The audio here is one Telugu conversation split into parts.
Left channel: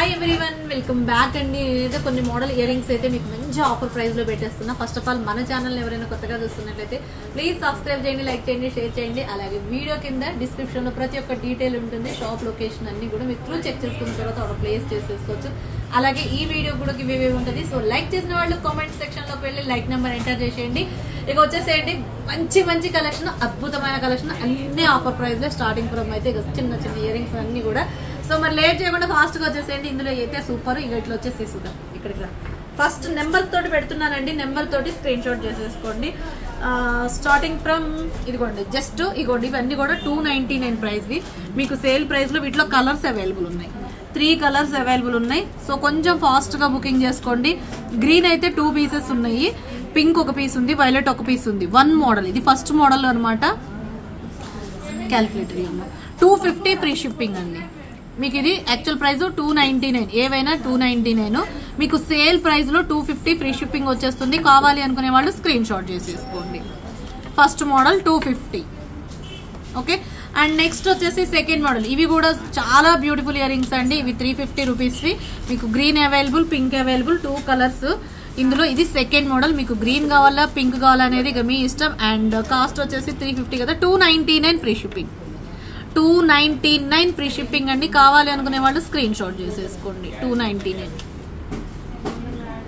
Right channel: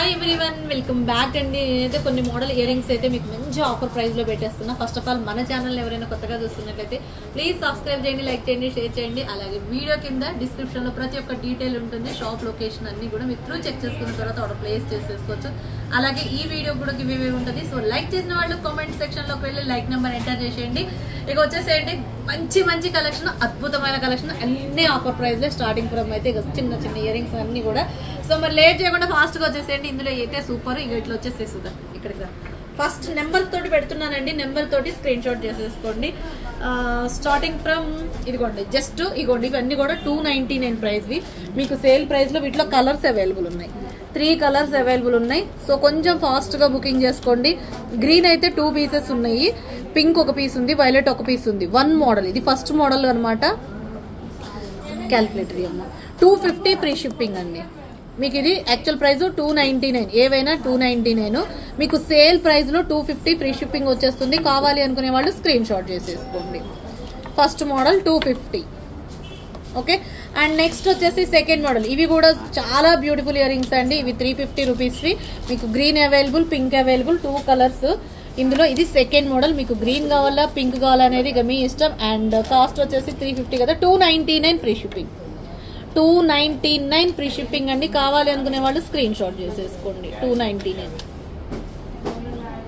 హాయ్ ఎవ్రీవన్, వెల్కమ్ బ్యాక్ అండి. నేనైతే కొన్ని మోడల్ ఇయర్ రింగ్స్ అయితే మీకు మంచి ఆఫర్ ప్రైస్ లో పెట్టేస్తున్నా. ఫస్ట్ ఆఫ్ ఆల్ మన ఛానల్ ఎవరైనా కొత్తగా చూస్తున్నట్లయితే ప్లీజ్ సబ్స్క్రైబ్ చేయండి, లైక్ చేయండి, షేర్ చేయండి. అలాగే వీడియో కింద డిస్క్రిప్షన్ లో ప్రతి ఒక్క డీటెయిల్ ఉంటుంది. షాప్ లొకేషన్ అన్ని కూడా మీరు త్రూ చెక్ చేసుకున్న తర్వాత ఆర్డర్ ప్లేస్ చేసేసుకోవచ్చు. అలాగే ఈ వీడియో కూడా గివ్ అవే ఉంటుంది. సో లైక్ చేసిన వాళ్ళు కామెంట్ సెక్షన్ లోకి వెళ్ళి లైక్ నెంబర్ ఎంటర్ చేసేయండి. ఇక వచ్చేసేయండి మంచి మంచి కలెక్షన్, అద్భుతమైన కలెక్షన్, అన్ని ఆఫర్ ప్రైస్ లో స్టార్టింగ్ ఫ్రమ్ అయితే చిన్న చిన్న ఇయర్ రింగ్స్ అన్ని కూడా. సో మరి లేట్ చేయకుండా ఫాస్ట్ గా వచ్చేసేయండి. ఇందులో అయితే సూపర్. ఇక ఇట్లా వచ్చేసేసుద్దాం. ఇక్కడికి ఫస్ట్ నెంబర్ తోటి పెడుతున్నానండి. నెంబర్ తోటి స్క్రీన్ షాట్ చేసేసుకోండి. స్టార్టింగ్ ఫ్రమ్ ఇదిగోండి, జస్ట్ ఇగోండి, ఇవన్నీ కూడా 299 ప్రైస్ వి. మీకు సేల్ ప్రైస్ లో వీటిలో కలర్స్ అవైలబుల్ ఉన్నాయి. 3 కలర్స్ అవైలబుల్ ఉన్నాయి. సో కొంచెం ఫాస్ట్ గా బుకింగ్ చేసుకోండి. గ్రీన్ అయితే 2 పీసెస్ ఉన్నాయి, పింక్ ఒక పీస్ ఉంది, వైలెట్ ఒక పీస్ ఉంది. 1 మోడల్, ఇది ఫస్ట్ మోడల్ అనమాట. క్యాల్కులేటరీ అమ్మ 250 ఫ్రీ షిప్పింగ్ అండి. మీకు ఇది యాక్చువల్ ప్రైస్ 299, ఏవైనా 299. మీకు సేల్ ప్రైస్ లో 250 ఫ్రీ షిప్పింగ్ వచ్చేస్తుంది. కావాలి అనుకునే వాళ్ళు స్క్రీన్ షాట్ చేసేసుకోండి. First model 250. Okay, and next వచ్చేసి సెకండ్ మోడల్. ఇవి కూడా చాలా బ్యూటిఫుల్ ఇయర్ రింగ్స్ అండి. ఇవి 350 రూపీస్ వి. మీకు green available, pink available, 2 colours ఇందులో. ఇది సెకండ్ మోడల్. మీకు గ్రీన్ కావాలా, పింక్ కావాలా అనేది ఇక మీ ఇష్టం. అండ్ కాస్ట్ వచ్చేసి 350 కదా, 299 ఫ్రీ షిప్పింగ్. 299 ఫ్రీ షిప్పింగ్ అండి. కావాలి అనుకునే వాళ్ళు స్క్రీన్ షాట్ చేసేసుకోండి. 299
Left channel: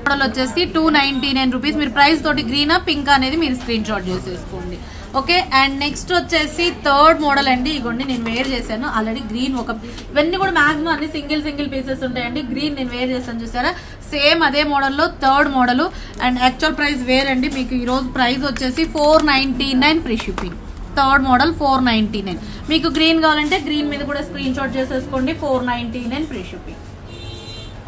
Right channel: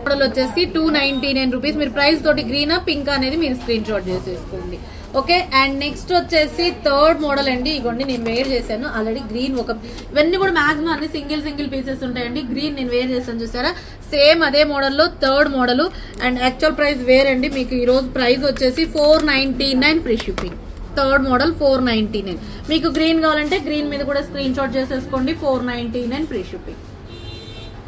మోడల్ వచ్చేసి 299 రూపీస్. మీరు ప్రైస్ తోటి గ్రీనా పింక్ అనేది మీరు స్క్రీన్ షాట్ చేసేసుకోండి. ఓకే, అండ్ నెక్స్ట్ వచ్చేసి థర్డ్ మోడల్ అండి. ఇగోండి నేను వేర్ చేశాను ఆల్రెడీ. గ్రీన్ ఒక, ఇవన్నీ కూడా మాక్సిమం అన్ని సింగిల్ పీసెస్ ఉంటాయండి. గ్రీన్ నేను వేర్ చేశాను చూసారా, సేమ్ అదే మోడల్లో third model. And actual price వేరండి. మీకు ఈ రోజు ప్రైస్ వచ్చేసి 499 ఫ్రీ షిప్పింగ్. Third model 499. మీకు గ్రీన్ కావాలంటే గ్రీన్ మీద కూడా స్క్రీన్ షాట్ చేసేసుకోండి. 499 free shipping.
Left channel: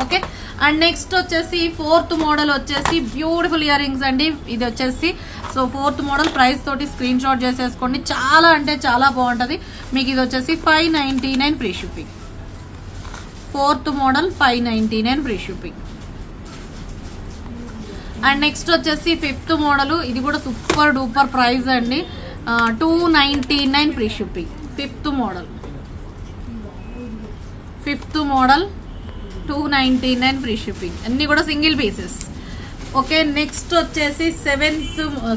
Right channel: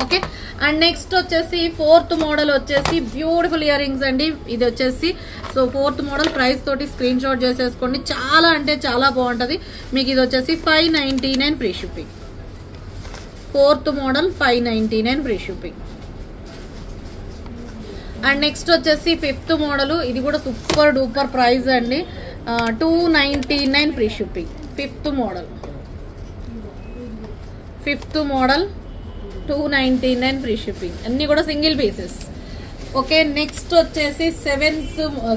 Okay, and next వచ్చేసి ఫోర్త్ మోడల్ వచ్చేసి బ్యూటిఫుల్ ఇయర్ రింగ్స్ అండి. ఇది వచ్చేసి సో ఫోర్త్ మోడల్ ప్రైస్ తోటి స్క్రీన్ షాట్ చేసేసుకోండి. చాలా అంటే చాలా బాగుంటది. మీకు ఇది వచ్చేసి 599 free shipping. Fourth model 599 free shipping. And next వచ్చేసి ఫిఫ్త్ మోడల్. ఇది కూడా సూపర్ డూపర్ ప్రైస్ అండి. 299 free shipping. Fifth model 299 free shipping. అన్ని కూడా సింగిల్ పీసెస్. ఓకే, నెక్స్ట్ వచ్చేసి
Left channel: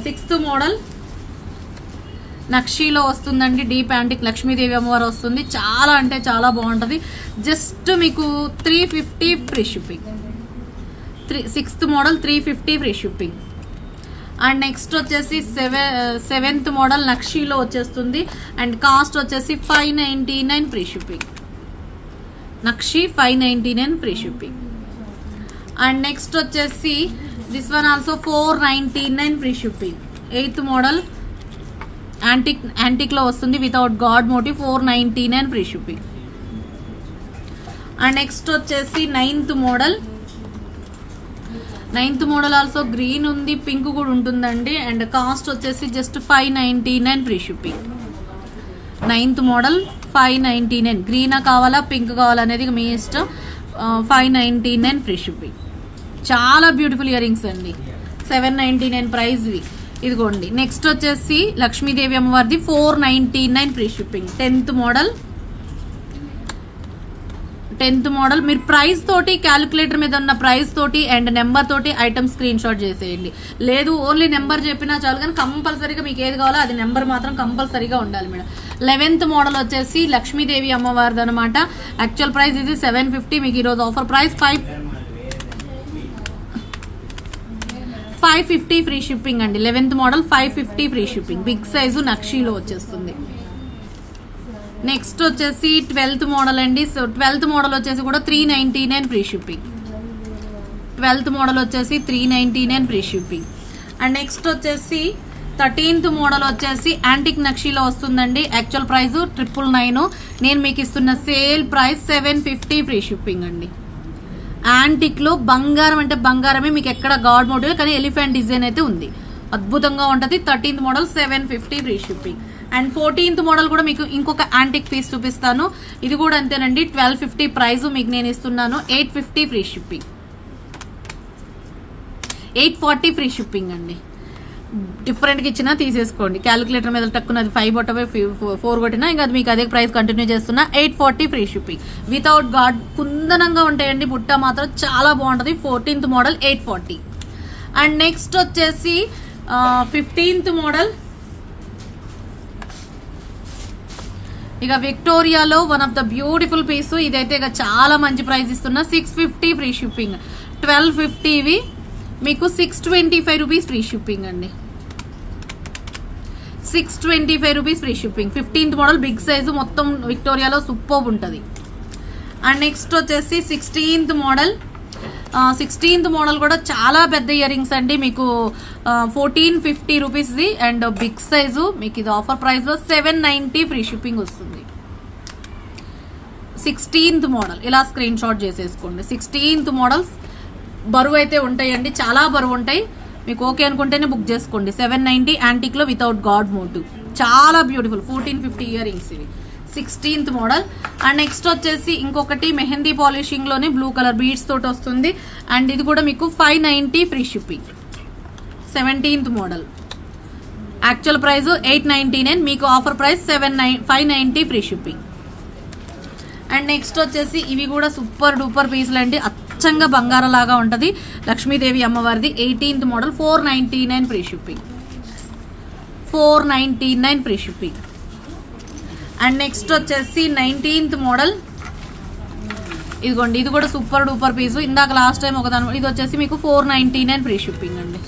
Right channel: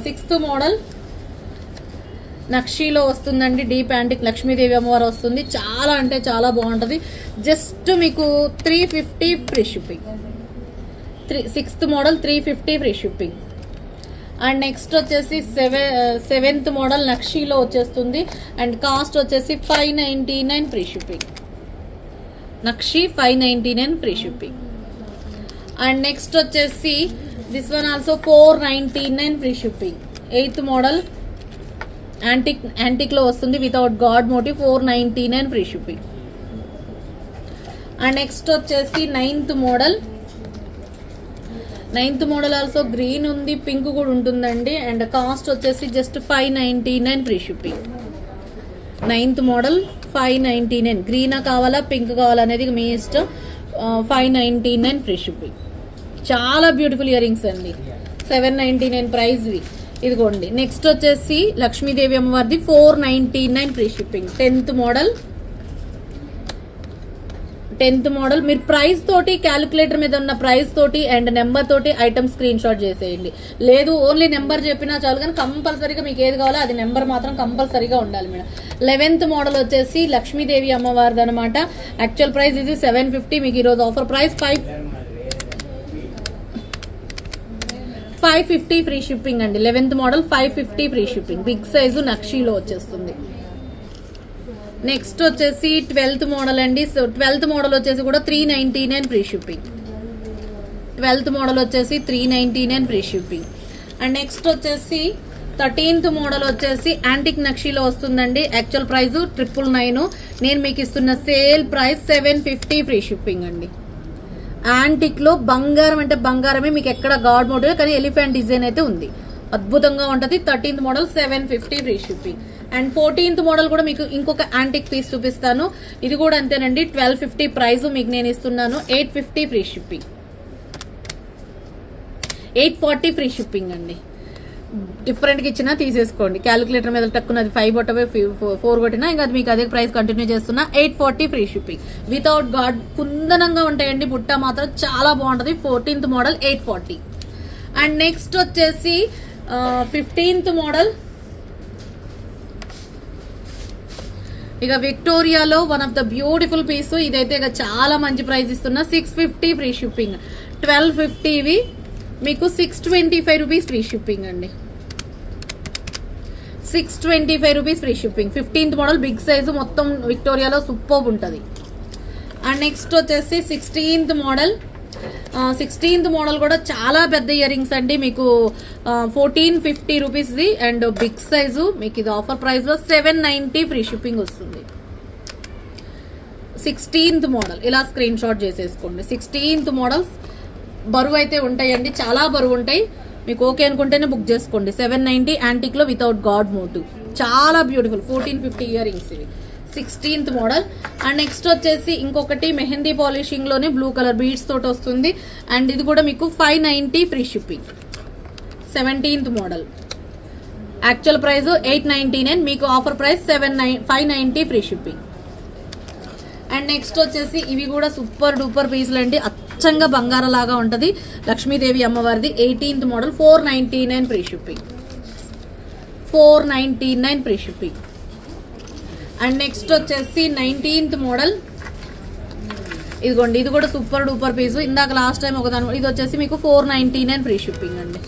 సిక్స్త్ మోడల్ నక్షీలో వస్తుందండి. డీప్ యాంటిక్ లక్ష్మీదేవి అమ్మవారు వస్తుంది. చాలా అంటే చాలా బాగుంటది. జస్ట్ మీకు 350 free shipping. Sixth model 350 free shipping. And next వచ్చేసి సెవెంత్ మోడల్ నక్షీలో వచ్చేస్తుంది. అండ్ కాస్ట్ వచ్చేసి 599 free shipping. Nakshi 599 free shipping. And next వచ్చేసి this one also 499 free shipping. Eighth model antique లో వస్తుంది without god motive. 499 free shipping. And next వచ్చేసి నైన్త్ మోడల్ ఆల్సో గ్రీన్ ఉంది, పింక్ కూడా ఉంటుందండి. అండ్ కాస్ట్ వచ్చేసి just 599 free shipping. Ninth model 599. Green కావాలా పింక్ కావాలా అనేది మీ ఇష్టం. 599 ఫ్రీ షిప్పింగ్. చాలా బ్యూటిఫుల్ ఇయర్ రింగ్స్ అండి. 799 ప్రైస్ వి. ఇదిగోండి, నెక్స్ట్ వచ్చేసి లక్ష్మీదేవి అమ్మవారిది 499 ఫ్రీ షిప్పింగ్. 10th మోడల్ మీరు ప్రైస్ తోటి, క్యాలిక్యులేటర్ మీద ఉన్న ప్రైస్ తోటి అండ్ నెంబర్ తోటి ఐటమ్ స్క్రీన్ షాట్ చేసేయండి. లేదు ఓన్లీ నెంబర్ చెప్పినా చాలు, కానీ కంపల్సరీగా మీకు ఏది కావాలో అది నెంబర్ మాత్రం కంపల్సరీగా ఉండాలి మేడం. 11th మోడల్ వచ్చేసి లక్ష్మీదేవి అమ్మవారిది అనమాట. యాక్చువల్ ప్రైస్ ఇది 750. మీకు ఈరోజు ఆఫర్ ప్రైస్ 550 ఫ్రీ షిప్పింగ్ అండి. 11th model 550 free shipping. Big size నక్షీలో వచ్చేస్తుంది. నెక్స్ట్ వచ్చేసి 12th మోడల్ అండి. సో 12th మోడల్ వచ్చేసి కూడా 399 ఫ్రీ షిప్పింగ్. 12th మోడల్ వచ్చేసి 399 ఫ్రీ షిప్పింగ్. అండ్ నెక్స్ట్ వచ్చేసి 13th మోడల్ వచ్చేసి యాంటిక్ నక్షీలో వస్తుందండి. Actual price 999. నేను మీకు ఇస్తున్న సేల్ ప్రైస్ 750 ఫ్రీ షిప్పింగ్ అండి. యాంటిక్ లో బంగారం అంటే బంగారమే, మీకు ఎక్కడ గాడ్ మోటివ్ కానీ ఎలిఫెంట్ డిజైన్ అయితే ఉంది. అద్భుతంగా ఉంటది. 13th model 750 free shipping. And 14th model కూడా మీకు ఇంకొక యాంటిక్ పీస్ చూపిస్తాను. ఇది కూడా అంతేనండి. 1250 ప్రైస్ మీకు నేను ఇస్తున్నాను. 850 ఫ్రీ షిప్పింగ్. 840 ఫ్రీ షిప్పింగ్ అండి. డిఫరెంట్ గా ఇచ్చినా తీసేసుకోండి. క్యాలిక్యులేటర్ మీద టక్కున అది 5 కొట్టవే 4 కొట్టినా ఇంకా అది మీకు అదే ప్రైస్ కంటిన్యూ చేస్తున్నా. 840 ఫ్రీ షిప్పింగ్ వితౌట్ గాడ్. కుందనంగా ఉంటాయండి, బుట్ట మాత్రం చాలా బాగుంటది. 14th model 840. అండ్ నెక్స్ట్ వచ్చేసి 15th మోడల్ ఇక విక్టోరియాలో one of the beautiful piece. ఇదైతే ఇక చాలా మంచి ప్రైస్ ఇస్తున్నా. 650 ఫ్రీ షిప్పింగ్. 1250 ఇవి మీకు 625 రూపీస్ ఫ్రీ షిప్పింగ్ అండి. 625 rupees free shipping. 15th model big size, మొత్తం విక్టోరియాలో సూపర్ ఉంటుంది. అండ్ నెక్స్ట్ వచ్చేసి 16th మోడల్. 16th మోడల్ కూడా చాలా పెద్ద ఇయర్ రింగ్స్ అండి, మీకు 1450 rupees the and big size. మీకు ఇది ఆఫర్ ప్రైస్ లో 790 ఫ్రీ షిప్పింగ్ వస్తుంది. 16th మోడల్ ఇలా స్క్రీన్ షాట్ చేసేసుకోండి. 16th మోడల్స్ బరువు అయితే ఉంటాయండి, చాలా బరువు ఉంటాయి. మీకు ఓకే అనుకుంటేనే బుక్ చేసుకోండి. 790 యాంటిక్ లో వితౌట్ గాడ్ మోటివ్, చాలా బ్యూటిఫుల్. 1450 ఇయర్ రింగ్స్ ఇవి. 16th model. అండ్ నెక్స్ట్ వచ్చేసి ఇంకొకటి మెహందీ పాలిషింగ్ లోనే బ్లూ కలర్ బీడ్స్ తోటి వస్తుంది. అండ్ ఇది కూడా మీకు 590 free shipping. 17th model actual price 899, మీకు offer price 590 free shipping. And next వచ్చేసి ఇవి కూడా సూపర్ డూపర్ పీసులు అండి, అచ్చంగా బంగారం లాగా ఉంటది. లక్ష్మీదేవి అమ్మవారిది 18th model 499 free shipping. 499 free shipping. And next వచ్చేసి 19th మోడల్. ఇదిగోండి, ఇది కూడా సూపర్ డూపర్ పీసు. ఇందాక లాస్ట్ టైం ఒకదాని, ఇది వచ్చేసి మీకు 499 ఫ్రీ షిప్పింగ్ అండి.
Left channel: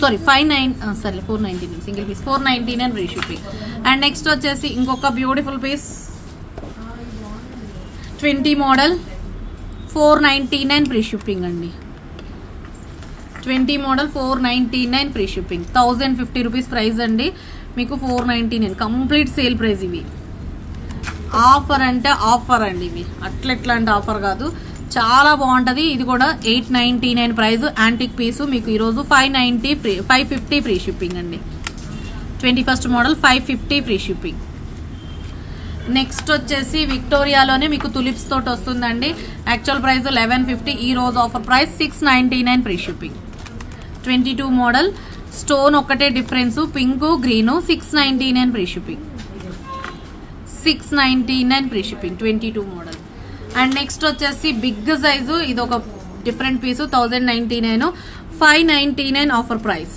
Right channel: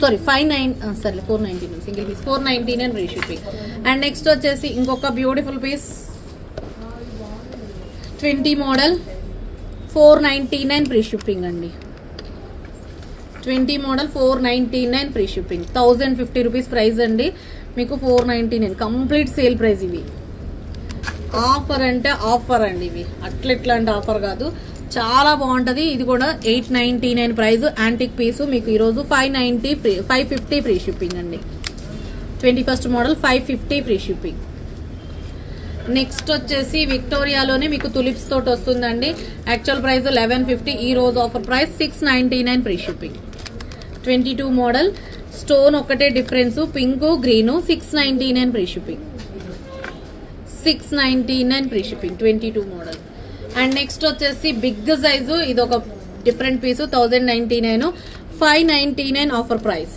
Sorry 499 single piece 499 free shipping. And next వచ్చేసి ఇంకొక beautiful piece 20 model 499 free shipping అండి. 20 model 499 free shipping. 1050 rupees price అండి, మీకు 499 కంప్లీట్ సేల్ ప్రైస్. ఇవి ఆఫర్ అంటే ఆఫర్ అండి, ఇవి అట్లెట్లాంటి ఆఫర్ కాదు, చాలా బాగుంటది. ఇది కూడా 899 ప్రైస్ యాంటిక్ పీసు. మీకు ఈరోజు 550 ఫ్రీ షిప్పింగ్ అండి. 21st model 550 free shipping. Next వచ్చేసి విక్టోరియాలోనే మీకు తులిప్స్ తోటి వస్తుందండి. యాక్చువల్ ప్రైస్ 1150, ఈ రోజు offer price 699 free shipping. 22 model stone ఒకటే difference, pink green 699 free shipping. 699 free shipping 22 model. And next వచ్చేసి బిగ్ సైజు, ఇది ఒక different piece 1099, 599 offer price.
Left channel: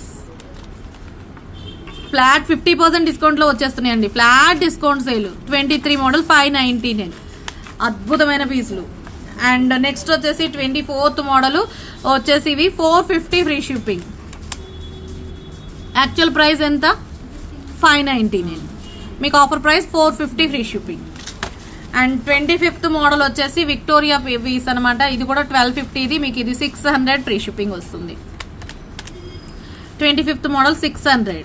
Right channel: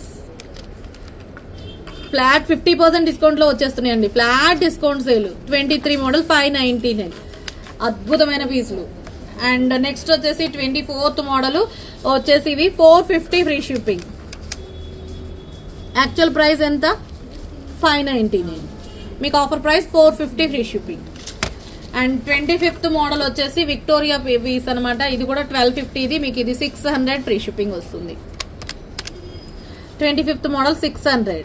Flat 50% discount లో వచ్చేస్తున్నాయండి, ఫ్లాట్ డిస్కౌంట్ సేల్. 23 మోడల్ 599, అద్భుతమైన పీసులు. అండ్ నెక్స్ట్ వచ్చేసి 24th మోడల్ వచ్చేసి ఇవి 450 ఫ్రీ షిప్పింగ్. యాక్చువల్ ప్రైస్ ఎంత 599, మీకు offer price 450 free shipping. And 25th model వచ్చేసి విక్టోరియా పీస్ అనమాట, ఇది కూడా 1250, ఇది మీకు ఇది 600 ఫ్రీ షిప్పింగ్ వస్తుంది. 25th మోడల్ 600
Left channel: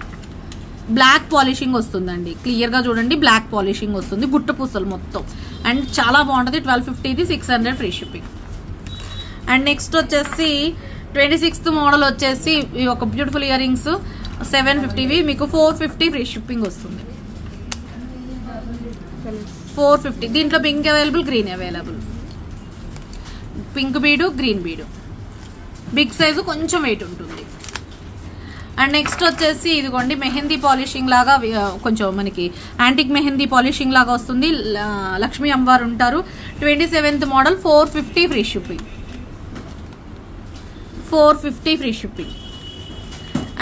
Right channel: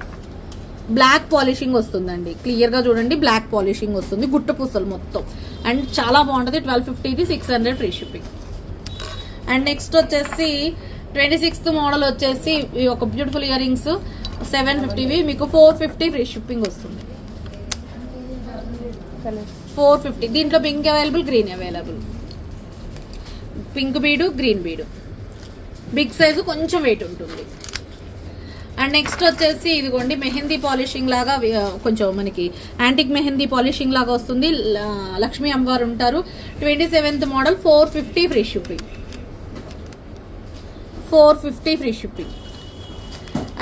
బ్లాక్ పాలిషింగ్ వస్తుందండి, క్లియర్ గా చూడండి, బ్లాక్ పాలిషింగ్ వస్తుంది, గుట్ట పూసలు మొత్తం. అండ్ చాలా బాగుంటది. 1250, ఇది 600 ఫ్రీ షిప్పింగ్. అండ్ నెక్స్ట్ వచ్చేసి 26th మోడల్ వచ్చేసి ఒక బ్యూటిఫుల్ ఇయర్ రింగ్స్ 750, మీకు 450 ఫ్రీ షిప్పింగ్ వస్తుంది. 450, దీంట్లో pink available, green available. Pink బీడు, గ్రీన్ బీడు, బిగ్ సైజు, కొంచెం వెయిట్ ఉంటుంది. అండ్ నెక్స్ట్ వచ్చేసి ఇదిగోండి మెహందీ పాలిషింగ్ లాగా, కొంచెం మనకి యాంటిక్ మెహందీ పాలిషింగ్ లాగా వస్తుంది. లక్ష్మీ అమ్మవారు ఉంటారు. 27th model 450 free shipping. 450 free shipping.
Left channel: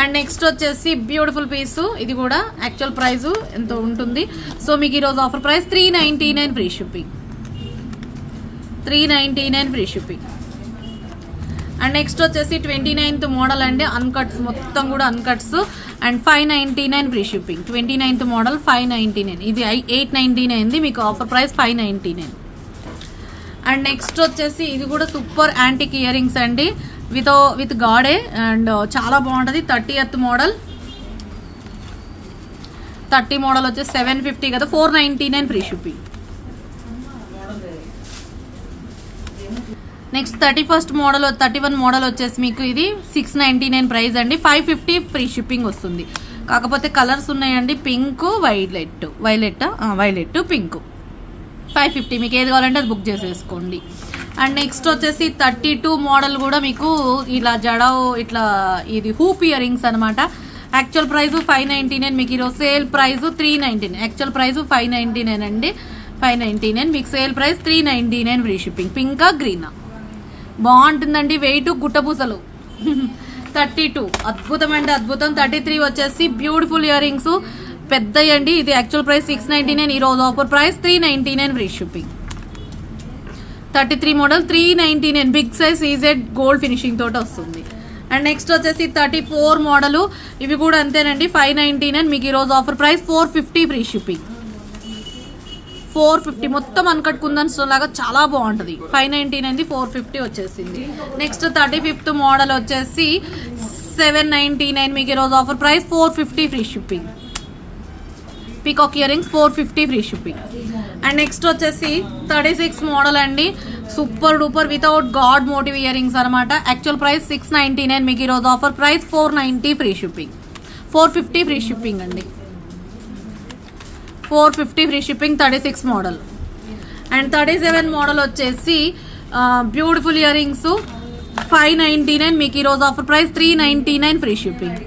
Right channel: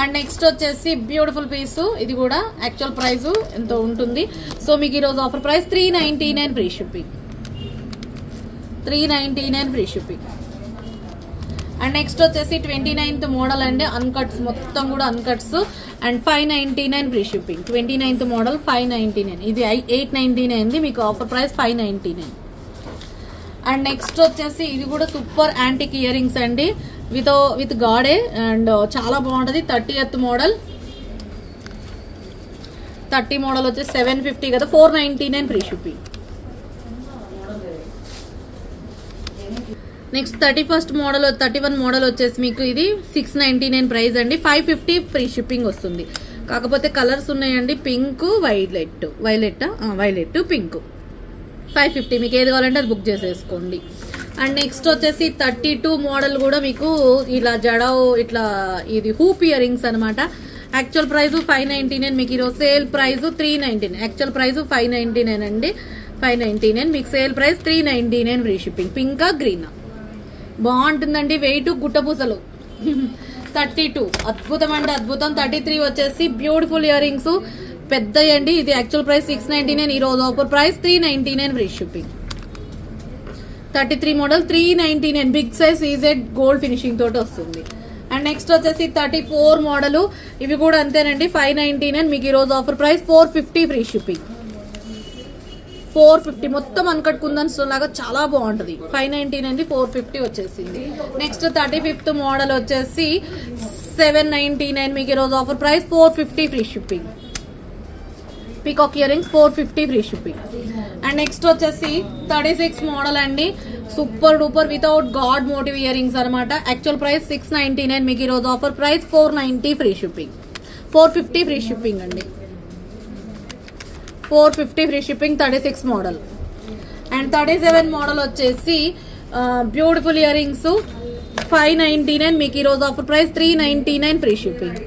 And next వచ్చేసి బ్యూటిఫుల్ పీసు, ఇది కూడా యాక్చువల్ ప్రైస్ ఎంతో ఉంటుంది. సో మీకు ఈరోజు offer price 399 free shipping. 399 free shipping. And next వచ్చేసి 29th మోడల్ అండి, అన్కట్స్ మొత్తం కూడా అన్కట్స్. And 599 free shipping. 29th model 599, ఇది 899, మీకు ఆఫర్ ప్రైస్ 599. అండ్ నెక్స్ట్ వచ్చేసి ఇది కూడా సూపర్ యాంటిక్ ఇయర్ రింగ్స్ అండి, విత్ గాడే, అండ్ చాలా బాగుంటది. 30th మోడల్ 30 మోడల్ వచ్చేసి 750 కదా, 499 free shipping. Next 31st model 31 model వచ్చేసి మీకు ఇది 699 ప్రైస్ అండి, 550 ఫ్రీ షిప్పింగ్ వస్తుంది. కాకపోతే కలర్స్ ఉన్నాయండి, పింక్ వైలెట్ పింక్ 550, మీకు ఏది కావాలంటే అది బుక్ చేసేసుకోండి. అండ్ నెక్స్ట్ వచ్చేసి 32 మోడల్ కూడా మీకు ఇలా జడో ఇట్లా ఇది హూప్ ఇయర్ రింగ్స్ అనమాట. యాక్చువల్ ప్రైస్ 599, మీకు ఈరోజు సేల్ ప్రైస్ 399. యాక్చువల్ ప్రైస్ 599 అండి, 599. మీకు సేల్ ప్రైస్ 399 ఫ్రీ షిప్పింగ్. పింకా గ్రీనా బాగుంటుందండి. వెయిట్ గుట్టపూసలు 32 అద్భుతం అండి అద్భుతం. 33 వచ్చేసి బ్యూటిఫుల్ ఇయర్ రింగ్స్ పెద్దయండి. ఇది యాక్చువల్ ప్రైస్ 699, ఈ రోజు offer price 399 free shipping. 33 model 399 big size ఈజెడ్ గోల్డ్ ఫినిషింగ్ తోటి వస్తుంది. అండ్ నెక్స్ట్ వచ్చేసి 34 మోడల్, ఇవి కూడా అంతేనండి 599, మీకు ఈ రోజు ఆఫర్ ప్రైస్ 450 ఫ్రీ షిప్పింగ్. 450 మొత్తం అన్కట్ కుందన్స్ లాగా చాలా బాగుంటది. 599 450 వచ్చేసింది. నెక్స్ట్ 35th మోడల్ వచ్చేసి 799, మీకు ఈ రోజు offer price 450 free shipping. Peacock ear rings 450 free shipping. And next వచ్చేసి 36 మోడల్ అండి, super duper without god motive ear rings అనమాట. యాక్చువల్ ప్రైస్ 699, మీకు ఈ రోజు offer price 490 free shipping. 450 free shipping అండి, 450 free shipping 36 model. And 37 model వచ్చేసి బ్యూటిఫుల్ ఇయర్ రింగ్స్ 599, మీకు ఈ రోజు ఆఫర్ ప్రైస్ 399 ఫ్రీ షిప్పింగ్.